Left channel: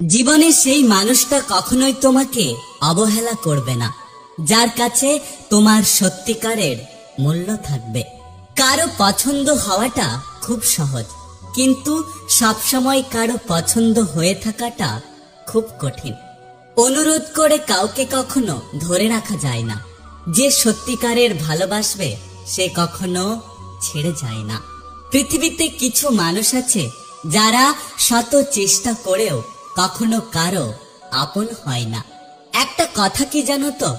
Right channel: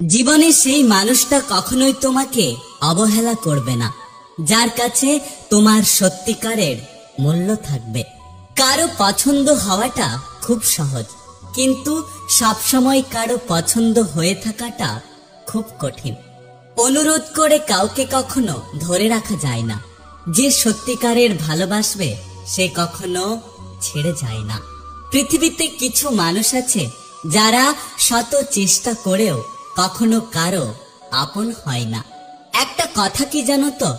জীবনে সেই মানুষটা কখনোই তোমাকে অবহেলা করবে না, যার কাছে তোমার সত্যিকারের মূল্য থাকবে। কারো পছন্দ হওয়াটা খুব সহজ, কিন্তু সবসময় কারো পছন্দ হয়ে থাকাটা খুব কঠিন। অনুরোধ করে কাউকে কখনো ধরে রাখা যায় না। যে সত্যিকারের ভালোবাসবে সে কখনো ছেড়ে যায় না। পৃথিবীতে কিছু মানুষ আছে যারা শত চেষ্টা করেও কখনো কারো আপন হয় না। একটা কথা কি জানো তো,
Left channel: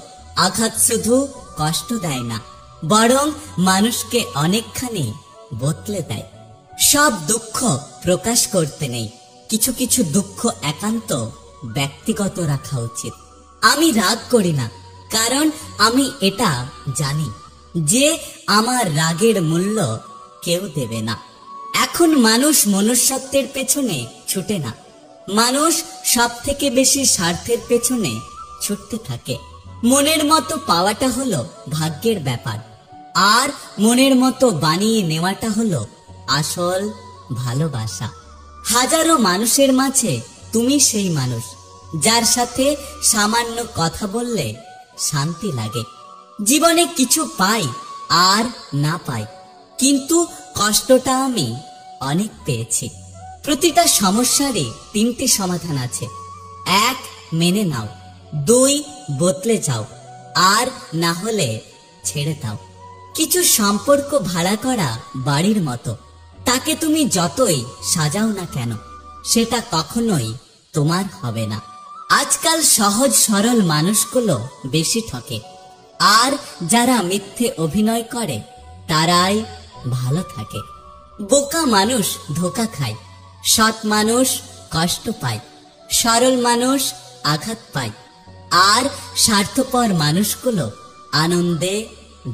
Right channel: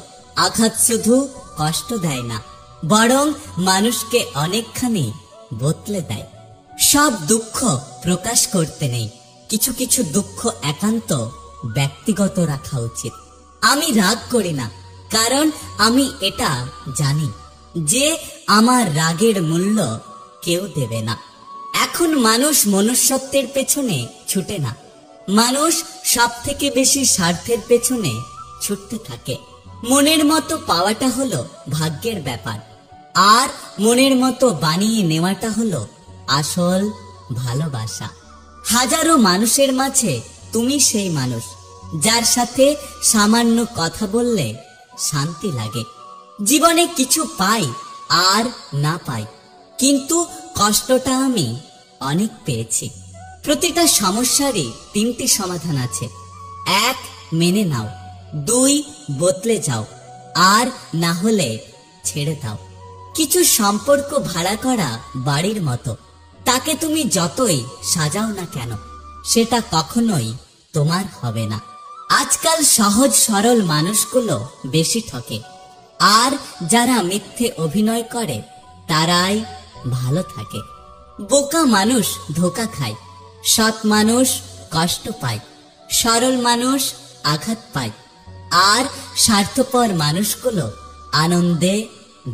আঘাত শুধু কষ্ট দেয় না, বরং মানুষকে অনেকখানি বদলে দেয়। সব দুঃখ প্রকাশ করতে নেই, কিছু কিছু দুঃখ একান্ত ব্যক্তিগত রাখা উচিত। আমি রাগ করি না, কারণ আমি এটা জানি যে আমার রাগের মূল্য কেউ দেবে না। এখন মানুষ মনুষ্যত্বের পেছনে ছুটে না, মানুষ সব থেকে বেশি স্বার্থের পেছনে ছুটতে থাকে। মনের মতো পাওয়াটা হলো ভাগ্যের ব্যাপার, আর মনের মতো বানিয়ে নেওয়াটা হলো আসল ভালোবাসা। হাজারো মানুষের মাঝে তুমি সেই মানুষ যার সাথে সামান্য কথা বললে শান্তি লাগে। জীবনে কিছু পাই আর না পাই, কিন্তু কষ্টটা আমি অনেক পেয়েছি। প্রতিটা সমস্যারই তিনটি সমাধান আছে। 1, মেনে নাও। 2, বদলে যাও। আর না হলে ছেড়ে দাও। কিছু সম্পর্ক ভাড়া করা বাড়ির মতো, তাকে তুমি যতই সাজাও না কেন সেটা কখনোই তোমার হবে না। আজকাল সহজ সরল মানুষগুলো বেশি ঠকে, আর যারা মিথ্যে অভিনয় করে তারাই ভালো থাকে। বোকা মানুষ ধোঁকা খায়, সৎ মানুষ কষ্ট পায়, সরল মানুষ আঘাত পায়, আর স্বার্থপর মানুষগুলো আনন্দে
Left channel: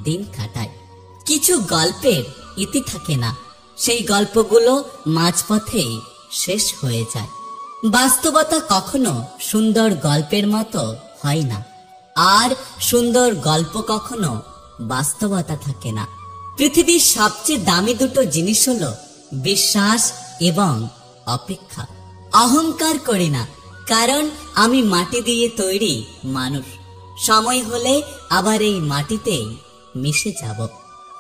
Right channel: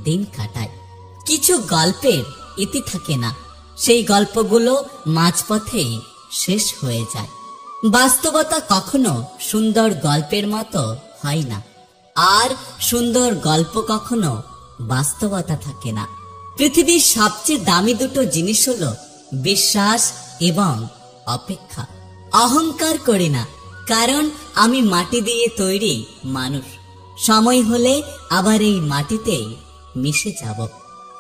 দিন কাটায়। কিছু গল্পের ইতি থাকে না, সেই গল্পগুলো মাঝপথেই শেষ হয়ে যায়। বাস্তবতা কখনো সুন্দর গল্পের মতো হয় না, আর সুন্দর গল্প কখনো বাস্তবতা থাকে না। পৃথিবীর সবচেয়ে দামি দুটো জিনিস হলো বিশ্বাস এবং অপেক্ষা। অহংকার করি না, কারণ আমি মাটি দিয়ে তৈরি মানুষ। সময় হলে আবার এই মাটিতেই মিশে যাব।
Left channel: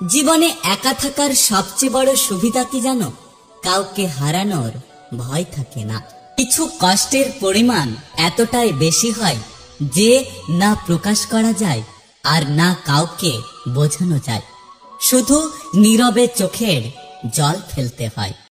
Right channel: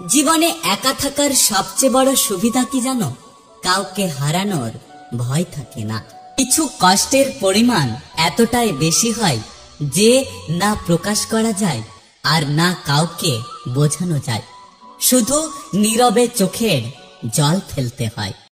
জীবনে একা থাকার সবচেয়ে বড় সুবিধা কি জানো? কাউকে হারানোর ভয় থাকে না। কিছু কষ্টের পরিমাণ এতটাই বেশি হয় যে না প্রকাশ করা যায় আর না কাউকে বোঝানো যায়। শুধু নীরবে চোখের জল ফেলতে হয়।